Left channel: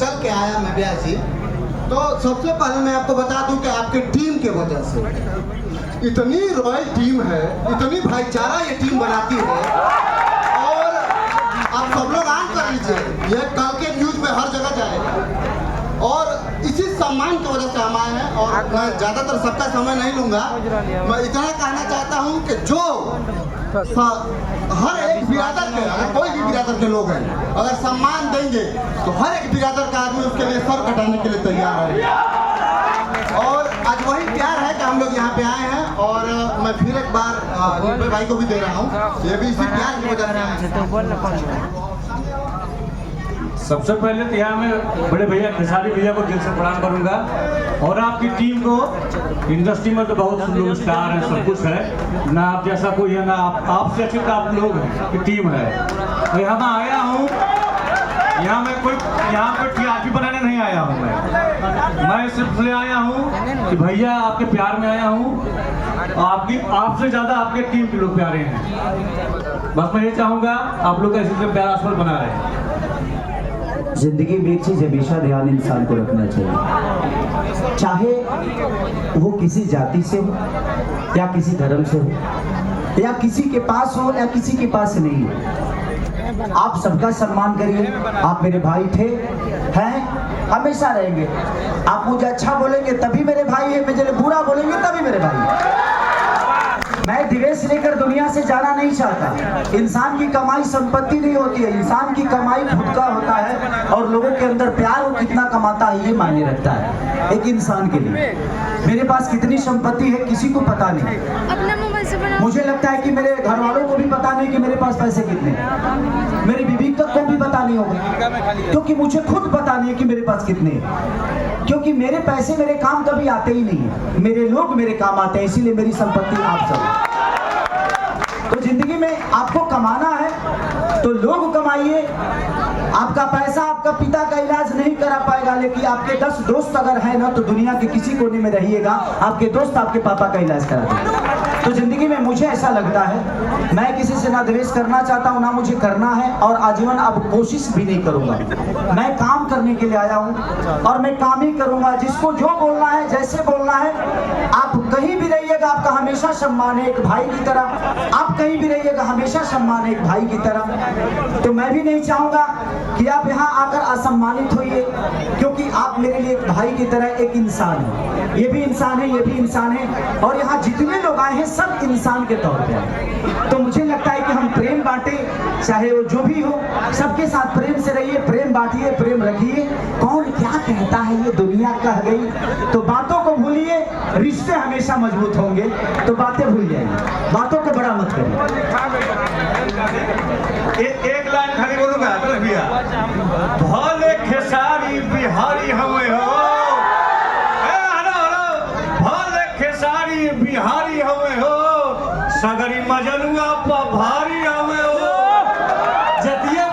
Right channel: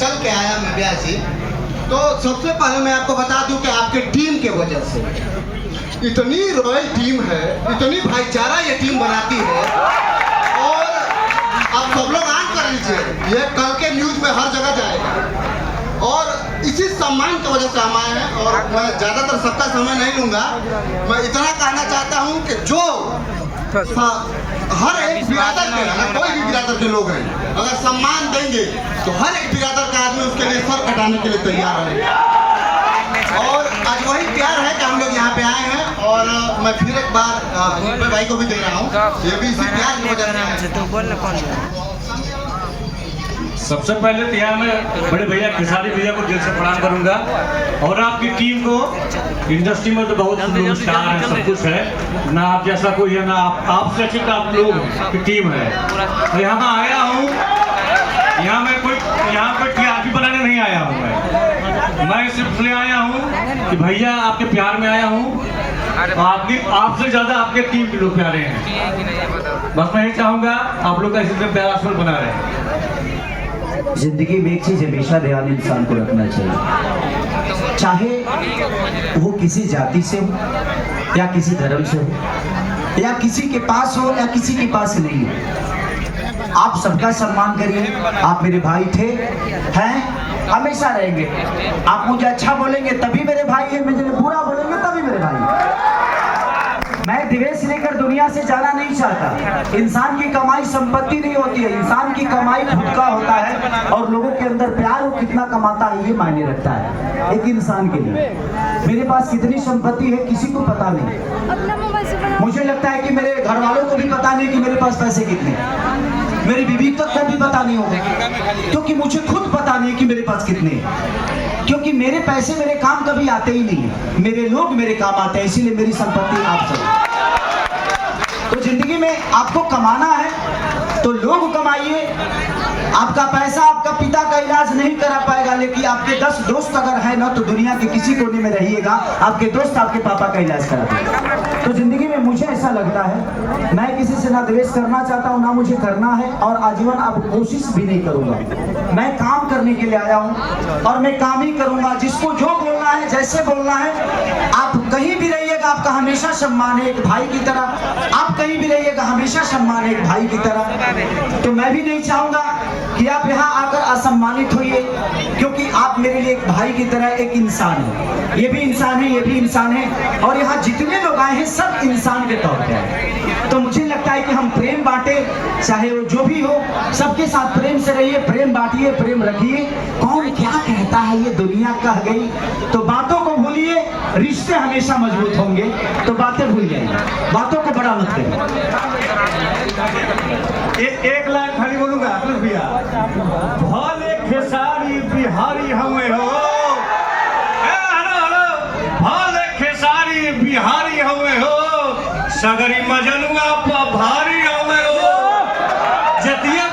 चल के आया मैं ब्यासी, तो सबसे पहले मैं आपको बता दूं कि आपकी टीम के वजह से इतनी रॉयल टीम है, इतनी भाईचारा ये टीम बनाती है। और आप सब लोग आन कर लीजिए, ये कल के न्यूज में हर जगह जाएगा। और इसी सम्मान की वजह से हम आए हैं। और मैं ज़्यादातर सबका समय नहीं लूँगा, मैं इतना कहना चाहता हूँ कि जो हर एक बिरादर के, अगर कोई भी बिरादर के लोग हैं, अगर सम्मान देंगे तो हर एक बिरादर का आदमी उसके लिए सर कटाने के लिए तैयार है। और आज वही प्यार है कि हम लोग यहाँ पे आए हैं। और मैं फिर एक बार भाई को भी दे रहा हूँ, ये भी इसी प्यार की वजह से। सबसे पहले तो यहाँ मैं बड़े भैया खेसारी भैया को दिल से प्रणाम करूंगा। और आपकी टीम को, इंडस्ट्री में तो बहुत स्टार है, सब कुछ है, ना आप जैसा कोई है, ना आपसे अच्छे तो आप लोग की टीम है। तो यहाँ मैं आया हूँ, यहाँ पर टीआरपी बनाने नहीं आया हूँ मैं सिर्फ इसलिए आया हूँ कि भैया आपके प्यार में आया हूँ। आपसे ज्यादा आपके टीम के लोग प्यारे हैं। बस मैं ये चाहूँगा आप लोग का इसी प्यार आसमान बना रहे। जिंदगी में एक चीज हमेशा ध्यान इंसान को रखना चाहिए, चाहे वो किसी जाति से हो या किसी धर्म से हो या किसी के पास हो या किसी के पास नहीं हो, आप सबका सम्मान करिए। आप मेरे भाई थे, हैं, हमेशा रहेंगे। आप मुझे अच्छा बोलेंगे तभी मेरे भाई है, मुझे बुरा बोलेंगे तभी मेरे भाई। मैं द्वेष लेकर दुनिया से जाना नहीं चाहता। इंसान की कमाई संपत्ति नहीं होती है, इंसान की कमाई खुद का होता है। और लोगों के अंदर प्यार वो कितना कमाता है ये मायने रखता है एक इंसान के लिए। मेरे पास कितनी संपत्ति है किसी को पता नहीं, अपना मोबाइल से बना। मुझे लगता है कि मेरे घर वालों को भी पता नहीं कि मेरे पास पैसे कितने, मेरी बीवी तक को भी पता नहीं होगा, क्योंकि मुझे खुद पता नहीं कि मेरे पास कितने। क्योंकि मेरे पैसे मेरे काम कभी आते ही नहीं है, मेरे लोग मेरे काम आते हैं, इसीलिए मेरी संपत्ति आप सब। तो जिंदगी में आपको कमाना है तो लोग कमाइए। आपका पैसा आपका पिता का इलाज नहीं करा पाएगा, लेकिन आपके 10 दोस्त अगर है ना तो दुनिया के किसी कोने में रहिएगा, आपके दोस्त आपके पापा का इलाज करा देंगे। तो जिंदगी में मुझे ऐसा लगता है, मैं किसी से ना द्वेष करना चाहता हूँ, ना मुझे करना है, और आजीवन अब कोशिश भी नहीं करूंगा। मैं काम करने के लिए आया हूँ और मैं काम ही करूंगा। जिसको जो बोलना है, जैसे बोलना है, आप कहीं भी रहिएगा आपका हमेशा सम्मान है एक भाई की तरह। आप कहीं भी रहिएगा हमेशा सम्मान है एक भाई की तरह। तो मैं भी नहीं चाहूंगा कि आप यहाँ आकर असम्मानित होइए, क्योंकि आप मेरे लिए एक भाई की तरह एक इंसान है। ये भी इंसान है, ये भी इंसान है, और यहाँ जितने लोग आए हैं सब इंसान के तौर पर। तो मुझे लगता है कि हम प्रेम बांटे, चाहे वो जो भी हो, सबके साथ प्रेम से रहिए, प्रेम बांटिए, प्रेम रखिए। कौन क्या कहता है ये दुनिया कह गई, तो बातों को भूलिए, रिश्ते हमेशा मजबूत होंगे। तो बातें भूल जाइए, बातों को बड़ा मत करिए। एक लाइन खाली बोलूंगा भैया, भले खेसारी बिहारी हमें हो, भले खेसारी बिहारी हमें हो, सगरी मजनुआ भारी हमें हो, जतिया